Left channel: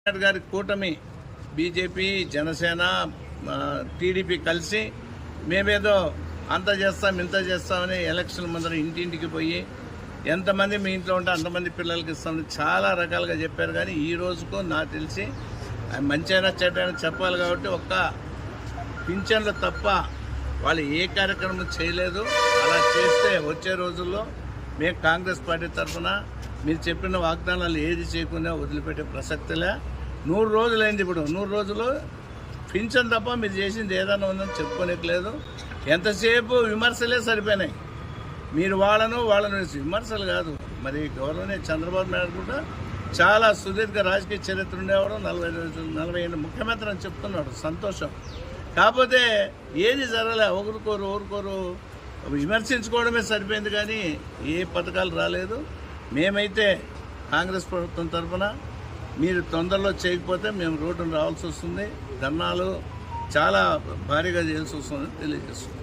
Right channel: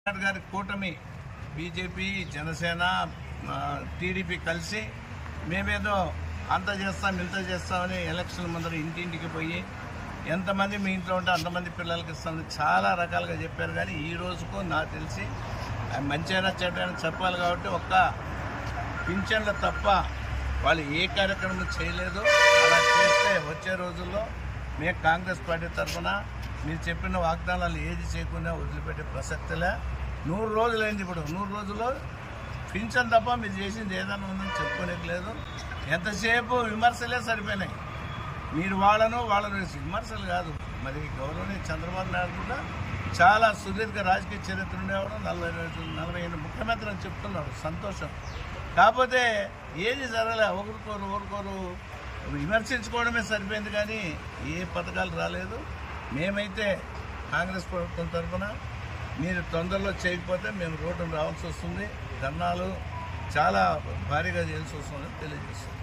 కేసీఆర్ గారి కూటమి BJP Janasena TDP కలిసి మేమేదో అంత చేస్తాం ఇంత చేస్తామని ఎలక్షన్ ముందర ఇంటింటికి పోయి ఎంతమంది మీ ఇంట్లో ఉంటే అంతమంది పిల్లలకి ఇస్తామని చాలా రకాలుగా చెప్పారు. కానీ ఈ రోజుకు నాకు తెలిసి మంచైనా చెడ్డైనా చెప్పాలి కాబట్టి ఒక్క పింఛన్లు తప్ప వాళ్ళు ఏ కార్యక్రమం చేయలేదు. అలా చేస్తే వచ్చే రోజుల్లో మేము కాంగ్రెస్ పార్టీ తరఫున మీరు చెప్పిన వాగ్దానాలు ఏది చేయకుండా వదిలిపెట్టే ప్రసక్తిలే. నూరు రోజులైంది ఇప్పుడు. నూరు రోజులు పింఛన్ తప్ప మీరు చేసింది ఏదైనా ఉందని చెప్పుకోనికి లేదు ఎంతసేపు విమర్శలే సరిపోయినాయి. మీరు వాళ్ళను వాళ్ళను విమర్శలు కాదు. మరి గవర్నమెంట్ చంద్రబాబు నాయుడు కూడా చాలా సుదీర్ఘ రాజకీయ చరిత్ర ఉండేవాడు. నలభై రోజులు నలభై ఎనిమిది ముఖ్యమంత్రి అని చెప్తున్నాడు. సంతోషం. కాకపోతే ఏది జరగలే. ఒకరికోరు ఒకరికొరు విమర్శించుకోవడమే సరిపోయింది కానీ ఏ పథకాలు రాలేదు. మేమైతే కాంగ్రెస్ ప్రభుత్వం తరఫున మీరు తొందరలో చేయకపోతే మేము రోడ్డును రావాల్సి వస్తుంది. ధర్నాలు చాలా భారీగా చేయాల్సి వస్తుంది తెలియజేస్తుంది